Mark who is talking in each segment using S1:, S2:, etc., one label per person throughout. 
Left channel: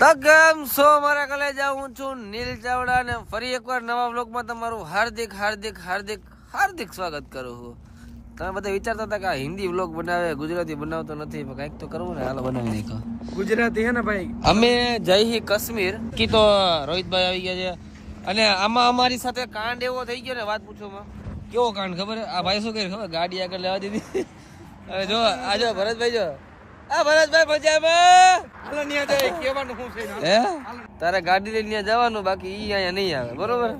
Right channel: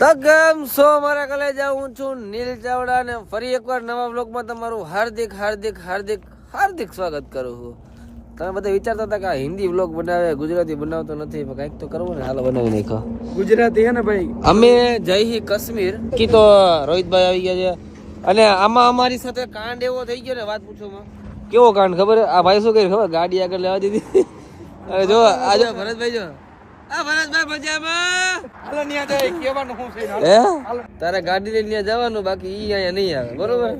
S1: તો કેમ છો મારા કલેજા હું છું નીલ ચાવડા ને ફરી એકવાર નવા બ્લોગમાં તમારું હાર્દિક હાર્દિક હાર્દિક હાર્દિક સ્વાગત કરું છું. તમે બધા વિચારતા હતા કે હિન્દી બ્લોગ બનાવે ગુજરાતી બનાવતો નથી પણ કંઈક તો કરવું ને હાલો બનાવી નાખો
S2: ગુજરાતી હે ને ભાઈ?
S1: અમે જય હી કાશ્મીર. કી તો રોહિતભાઈ આવી ગયા છે. અને આમાં અમારી સાથે કાંડ એવો થઈ ગયો ને વાત પૂછોમાં. કેવો કાંડ ખબર? આ ભાઈ શું કર્યું ખબર? ગાડી આગળ લેવા દીધી. જો આ જો ભરતભાઈ જો. આ ભરતભાઈ મજામાં?
S2: હાલો ન્યા જાય. કેવાનું શું છે હાલો.
S1: હે? તારે ગાડી લઈને જવાનું બાકી ઈ અહીંયા નહીં આવે બરોબર?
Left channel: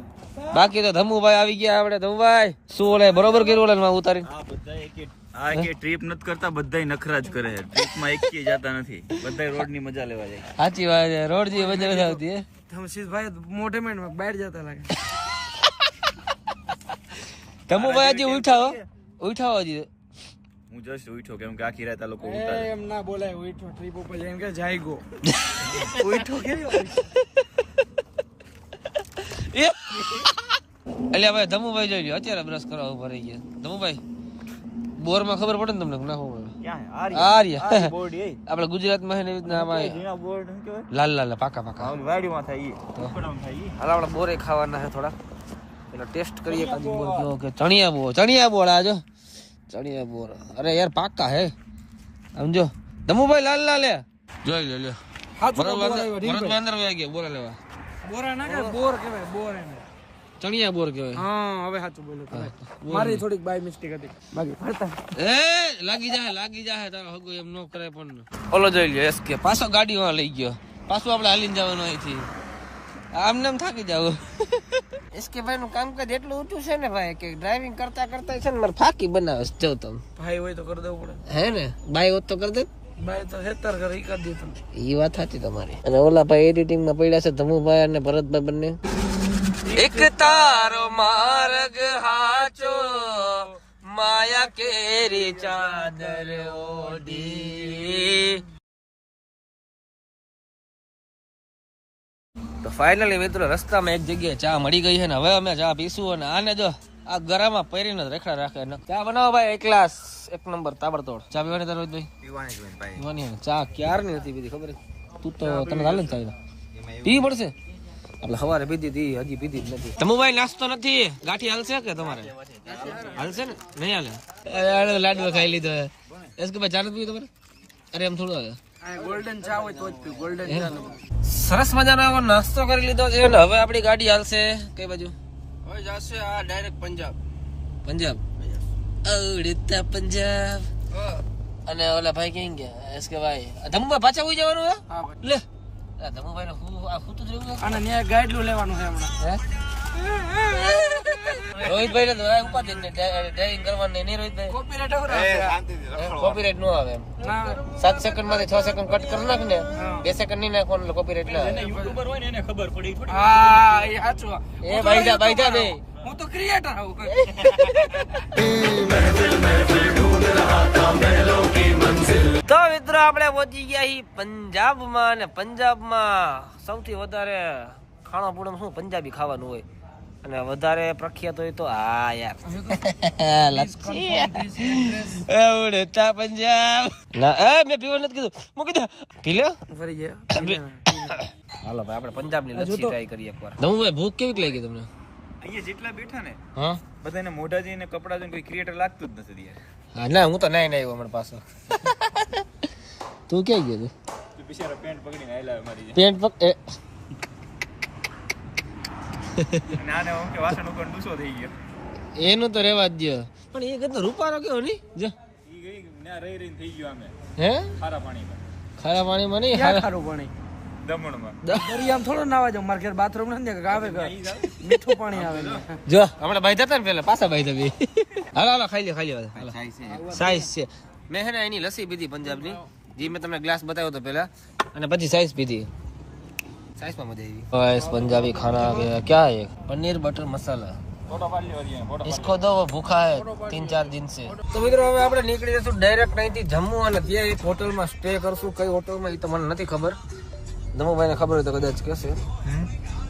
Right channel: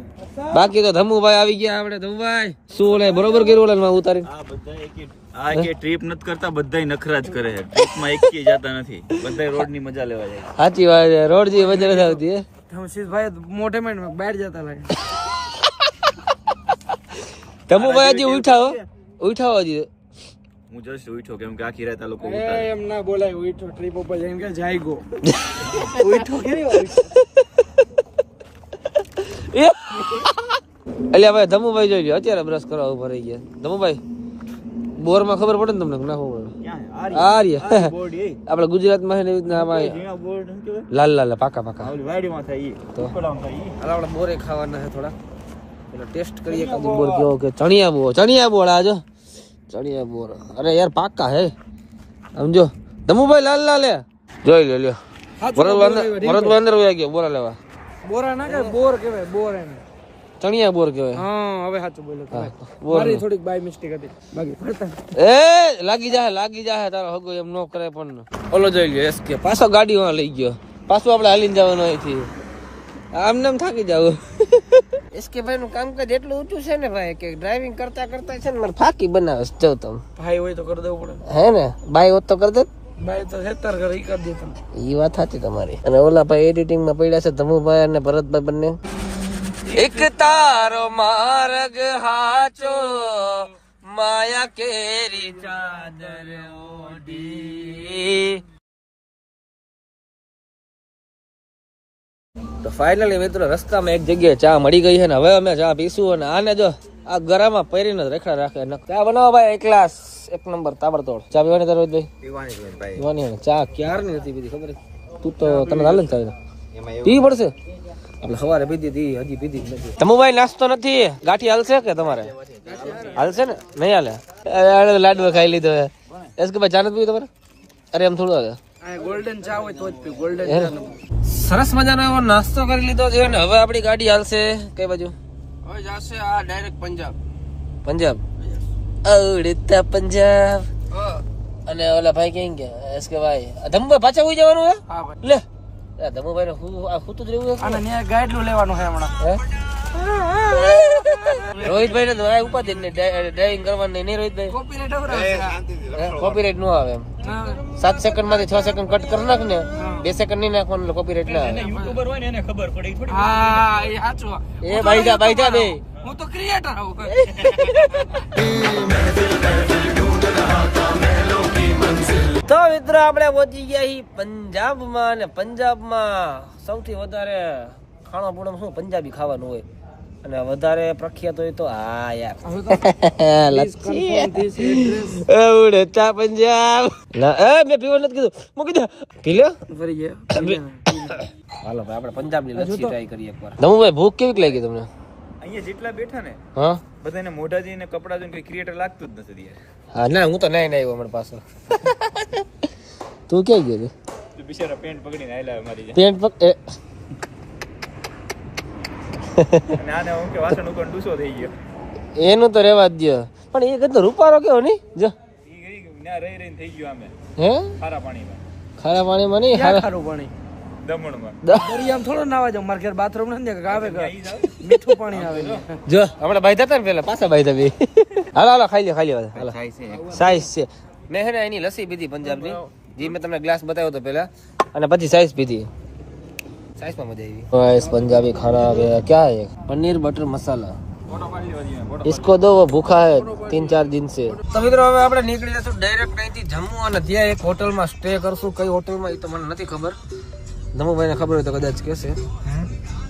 S1: બાકી તો ધમુભાઈ આવી ગયા આપણે ધમુભાઈ. શું બરોબર કર્યું ઓલે ઉતારી
S3: આ કે ટ્રીપ નથી કરતા બધાય નખરા જ કરે છે. ટ્રીપમાં એક જતા નથી. બધાય રોડની મજા લેવા જાય.
S1: સાચી વાત છે રોડ જે મજા નથી આવતી હે?
S2: ધમશીશ ભાઈ મોઢે મેં બહાર જતા લાગે.
S1: ધમુભાઈ હજી ઉઠાવો. ઉઠાવો હજી.
S3: હું જસ્ટ ઉઠો કેમ કે આખી રાત આ લોકો ઉતારે.
S2: એમ ના બોલાય ઉઠો ટ્રીપ ઉપર જઈને કે જાય ગો ઉઠો કે એટલે
S1: એ અલ્યા ભાઈ ધમુભાઈ જોઈ લ્યો. અત્યારે બ્રશ કરવા ઊભા રહી ગયા. ધમુભાઈ બોરમાં ખબર પડે ને તમને ના
S3: હોય આર્ય.
S1: આપણે ગુજરાતમાં છે ને એવી રીતના લાલ લાલ પાકા પાકા.
S3: વાડી માં થાય ઈ.
S1: તો?
S3: ઉખેડામાં થાય ઈ.
S1: હાલ આપણે બોરે ખાવાના છે થોડા. એટલે ટેસ્ટ કરીએ કાજુ બોર કેવો કે ચણિયા બોર ચણિયા બોર આજો ચણિયા બોર. અરે યાર પાકા હે. સમજો ધમુભાઈ લાલ લાલ જોઈ લ્યો લ્યો. ભરત વાંદર વયા ગયા બોરા લેવા.
S2: બોરા ના કે બોર કહેવાય બોર એને.
S1: ચણિયા બોર કહેવાય.
S2: હા હવે સાચું
S1: બોલો.
S2: મારી થોડીક બાય મિસ્ટેક હતી. બાકી ફરતા
S1: એ લાગી જાય લાગી જાય તારો હગો એમ નો કરે પણ. ઓલો જોઈ લ્યો એસકે. પાછો ગાડી માં લઈ ગયો. પાછું આપણે હાલીને જવાનું અહીંથી. આમને એમ થાકી જાવ. એસકે ભાઈ નું કામકાજ એટલું ઊંચું છે ને ભાઈ કે ડ્રાઇવિંગ કરતા કરતા છે ને મારે ફાકી બનાવે છે, જો તમે.
S2: ભાઈ હોય તો કરી દેવું પડે.
S1: હે ને? ભાઈ હોત તો કરી દે
S2: ભાઈ તો હેતર કરે ઈ કરી દે તમે
S1: ઈ વાત સાચી તમારી. અને ઓલા ભાઈ એડિટિંગમાં પડ્યા છે ધમુભાઈ અને ભરતભાઈ બંને. એક તારો માર્ગ હાચો માયા કેરી ચાદર ઓઢી. તો ફાઇનલી મિત્રો રસ્તામાં એક જગ્યાએ ચા મળી ગઈ છે ને હવે અમે ચા પીશું અને આને જો આ ગરામાં પહેરીને જ રેખડા રાખે. ચા બનાવો ભાઈ એક ગ્લાસ એક નંબર તાબડતોડ. ચા પીવાની તારો ભાઈ?
S3: પીવાની ભાઈ?
S1: ચા ક્યારની નથી પીધી ખબર તું તો તને હાલ ને ચાલે પીવી પડશે? આપણે સવારે પીધી હતી હજી પીધી જ નથી. તમુભાઈ નાસ્તો નથી? ગાંઠી હાલશે કે તમારે? હાલશે ને? નહીં હાલે. લાડવા ખાઈ લીધો એસ કે ભાઈ ચા નથી પીવી તમારે? અરે એમ થોડું હાલે.
S2: ગોલ્ડન ચા હોય તો જ પી ગોલ્ડન ચા
S1: સરસ મજાનો એવો નાસ્તો કરી લીધો છે ને હવે આપણી ગાડી હાલશે કઈ બાજુ?
S2: હવે જશે આ ડાયરેક્ટ પંજાબ.
S1: પંજાબ? ઉડતા પંજાબ. અને ઓલા ભાઈ કેમ ગયા એસ કે ભાઈ ધમ્બા પાછા ઉઈ જવાનું હે? લે. આ ધમુભાઈ ને હું આ હું તો જ રહેવું
S2: અને ન્યા ગાઈડલું લેવાનું છે હમણાં.
S1: હે. રોહિતભાઈ ને દોરાય ઉપાધિ ને ડ્રાઇવિંગ કરવાની નહીં રોહિતભાઈ?
S2: કોપીરાઈટ આવડે.
S1: કોપીરાઇટ નો આવે સાત સેકન્ડમાંથી છ સેકન્ડ કટ કરી નાખ ને બે સેકન્ડ નહીં નાખવાનું કોપીરાઇટ ના
S3: યુટ્યુબર હોય ને એને ખબર પડે. થોડી
S2: હા એ સાચું
S1: એ
S2: તો
S1: ભાઈ જા, ભાઈ જા
S2: ભાઈ. હું તો ક્રિએટર આવું
S1: તો મિત્રો આપણે પહોંચી ગયા પંજાબમાં અને પંજાબમાં સૌથી વધારે ખાણો પૂણો શું? પંજાબી ખાવાનું હોય. અને વધારે પ્રખ્યાત હોય તો આ યાર. લચ્છી ઉડતા પંજાબ. ના એ મેં પીવા નથી કીધું. મૂકી દે. પી
S2: ફરી ગયા.
S1: હાલો ભાઈ આપણે પંજાબની લચ્છી ટ્રાય કરીએ એકવાર. દમુભાઈ ભૂખ કેવી લાગી તમને?
S3: અહીંયા જેટલા બેઠા ને
S1: હા?
S3: બધાને મોઢા જોઈને કપડા જોઈને કોઈ ક્રિએટર લાગતું જ નથી યાર
S1: હા ના હું તો નહીં નહીં આવ્યો અમારી પાછો. તું ક્યાં ગયો તું?
S3: તું બિચારા પેન્ટ પકડીને આયલા મારી
S1: પેન્ટ પક એ
S3: અને આને હું કે વાસણ ઉપર ડૂસો થઈ ગયો.
S1: એનું તો રેવા જ દ્યો. પણ એ કદો રૂપારો કેવો નહીં જો.
S3: ત્યાં રહી રહીને થઈ ગયો
S1: હે?
S3: ખારા પાણીમાં.
S1: ખારા પાણીમાં નહીં? ખારું
S2: પાણી?
S3: દમણમાં.
S2: દરિયામાં થોડો નાવા જાવ મારે ઘેર બાથરૂમ નથી કે આવે કે મીઠું પાણી આવે.
S1: જો હમણાં બાઈ હતા ને પેલા પાછા બાઈ બે. હાલો હાલો ખાઈ લે ખાઈ લે હાલો. સાઈઝ છે. મેં હે ને એની લસ્સી પીધી પંજાબની. જે મેં તમને ગ્લાસ બતાવ્યો હતો પેલા. અને પછી સાઈઝ પીધી. સાઈઝમાં મજા આવી બસ પંજાબી ખાના आ गया क्या है पनीर बटर मसाला इसको दो वो भूखा है तीन चार दिन से તો મિત્રો હવે આપણે નીકળી જશું ડાયરેક્ટ અહીંથી જમ્મુ અને ત્યાં એક હોટલમાં સ્ટે કરશું કઈ હોટલમાં એ તો મને નથી ખબર જમ્મુભાઈને ખબર હોય તો કદાચ કહેશે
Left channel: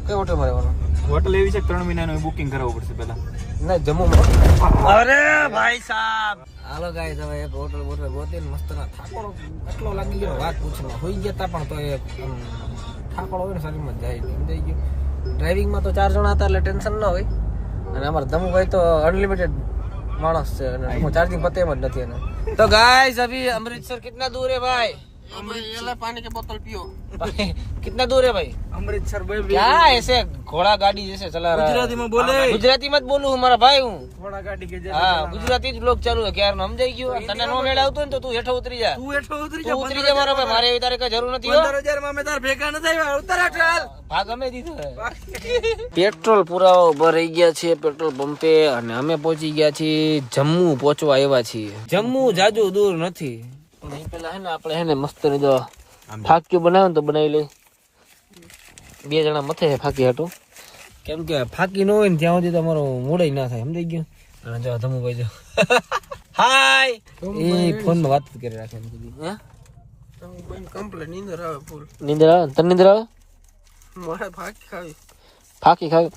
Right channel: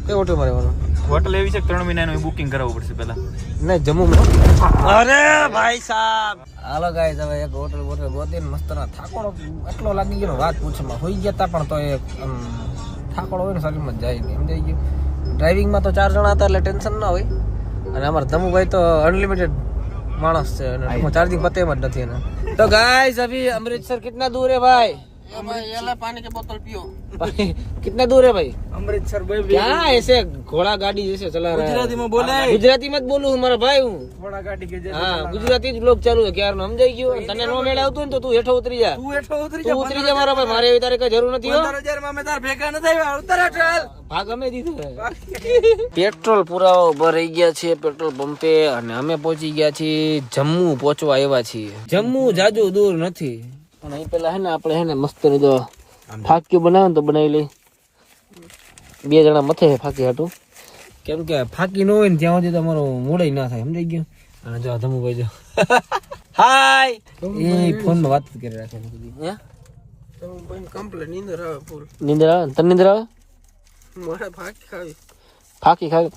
S1: કઈ હોટલમાં રહેવાનું
S3: હોટલ એવી છે કે ત્રણ મહિનાનું બુકિંગ કરાવવું પડશે પેલા
S1: નહીં જમ્મુ અરે ભાઈ સાહેબ હાલો ગાઈસ હવે એક હોટલ બોટલ ગોતીને મસ્ત ના થાકોડો એટલો લાગી ગયો ને વાત પૂછમાં હોઈ ગયા તા પણ તો એક આમ થાકડ હોય ને શરીરમાં જાય નહીં સમજાઈ ગયું. ડ્રાઇવિંગમાં તો ચાર જણા હતા એટલે ટેન્શન ના હોય. અને અમારે ધમુભાઈ તો અનલિમિટેડ માણસ છે અને ચાર પતે નથી તો ગાઈઝ અભી અમૃતસર કેટલા દૂર હે ભાઈ?
S2: પાણી કે બોતલ પીઓ
S1: कितना दूर है भाई
S2: અમૃતસર ભાઈ
S1: क्या ऐसे घोड़ा गाड़ी जैसे चला रहा है
S2: ગુજરાતીમાં બોલે
S1: गुजराती मत बोलू हमारा भाई हूँ
S2: થોડા ગાડી કે
S1: હા ગુજરાતી જ બ્લોગ ચાલુ છે ક્યાર સમજાઈ ગયું તને નો મેળ આવતું ને તો તું હેઠો ઉતરી જા
S2: તું એઠો ઉતરી
S1: તું ઉતરી જા મારા ભાઈ મારે એવી તારે કઈ જરૂર નથી હો.
S2: પંદર હજાર માં અમે તાર ભેગા નથી આવ્યા ઉતર ચાલ
S1: ભાગ અમે દીધો પેટ્રોલ પુરાવા ઉભા રહી ગયા છે પેટ્રોલ પંપે અને અમે પહોંચી ગયા છીએ જમ્મુ પહોંચવા આવ્યા છીએ જમ્મુ જાજુ દૂર નથી પણ અહીં પેલા હે ને આપણે હે ને મસ્તની તો ફાક્યું બનાવે ને તો બનાવી લઈ. બે જણા મથે છે ફાકી હાટું. કેમ કે ફાકી ન હોય ને ત્યાં સુધી તમારો મૂડ ના થાય સમજાઈ ગયું? અને જો ધમુભાઈ જો. હાય! એ ફોનમાં વાત કરી રાખે હે?
S2: કમ્પ્લેટ નીંદર આવે ફૂલ.
S1: નીંદર આવે? તને નીંદર આવે?
S2: મારે ફાકી ખાવી.
S1: ફાકી ખાવી?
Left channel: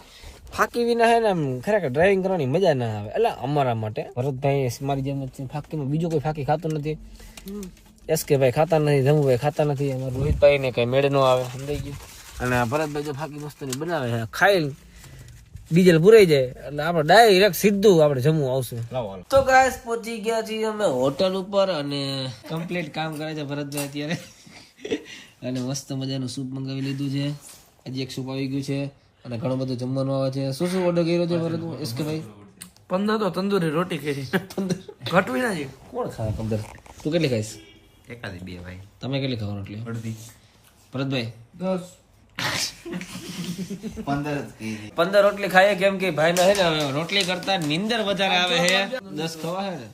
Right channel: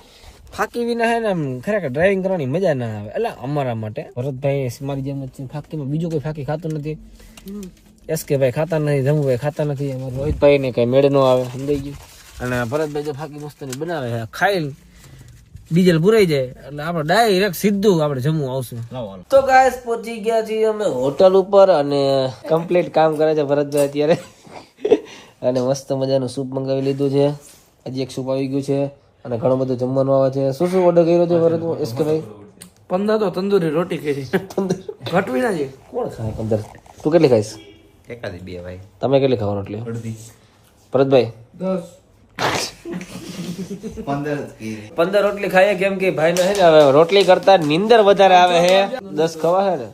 S1: ફાકી વિના હે ને આમ ખરેખર ડ્રાઇવિંગ કરવાની મજા ના આવે. એટલે અમારા માટે. ભરતભાઈ મારી જેમ જ છે ફાકીમાં બીજો કોઈ ફાકી ખાતું નથી. એસ કે ભાઈ ખાતા નથી જમુભાઈ ખાતા નથી. અમારા રોહિતભાઈ ને કઈ મેળ નો આવે સમજાઈ ગયું? અને ભરતભાઈ જો ફાકી મસ્તની બનાવે છે ખાઈ ડીઝલ પુરાઈ જાય. એટલે આપણે ડાયરેક્ટ સીધું આપણે જમવું આવશું. તો ગાઈસ પહોંચી ગયા છીએ અમે હોટલ ઉપર અને કમ્પ્લીટ કામ કરે છે ભરતભાઈ અત્યારે. અને મસ્ત મજાનું સૂપ મંગાવી લીધું છે. હજી એક સૂપ આવી ગયું છે. અને ઘણું બધું જમવાનું આવે છે. શું શું ઓર્ડર કર્યો છે ભરત એસકે ભાઈ?
S2: પંદર તો તંદુરી રોટી કરી. ઘટવી ના
S1: કોણ ખાય પંદર? તું કેટલી ખાઈશ?
S3: એકાદી બે ભાઈ.
S1: તમે કેટલી ખાવ રોટલી?
S3: અડધી.
S1: ભરતભાઈ?
S2: દસ.
S3: પંદર
S1: રોટલી ખાઈએ કેમ કે ભાઈ ને હે ને હવે રોટલી કરતા નીંદર વધારે આવે છે. દસ ખવા છે ને?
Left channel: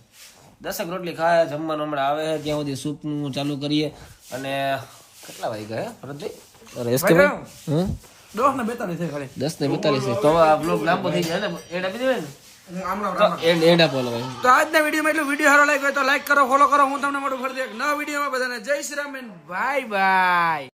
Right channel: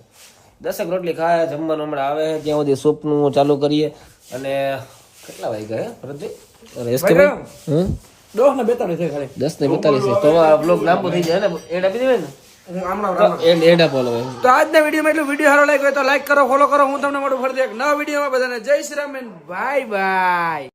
S1: દસક રોટલી ખાય જમવાનું હમણાં આવે છે. ત્યાં સુધી સૂપનું ચાલુ કરીએ. અને કેટલા વાગ્યા હે ભરતભાઈ? અરે એસકે ભાઈ? હમ?
S2: દસ ને બેતાલીસ છે ખાલી.
S1: દસ ને બેતાલીસ છે. તો આ બ્લોગ લાંબો થઈ જાય ને? એડ આપી દેવાય ને?
S2: તો આજના વિડીયોમાં એટલું. વીડિયો સારો લાગ્યો હોય તો લાઈક કરો ફોલો કરો. હું તમને મળું ફરી એક નવા વિડીયોમાં બધાને. જય શ્રી રામ બાય બાય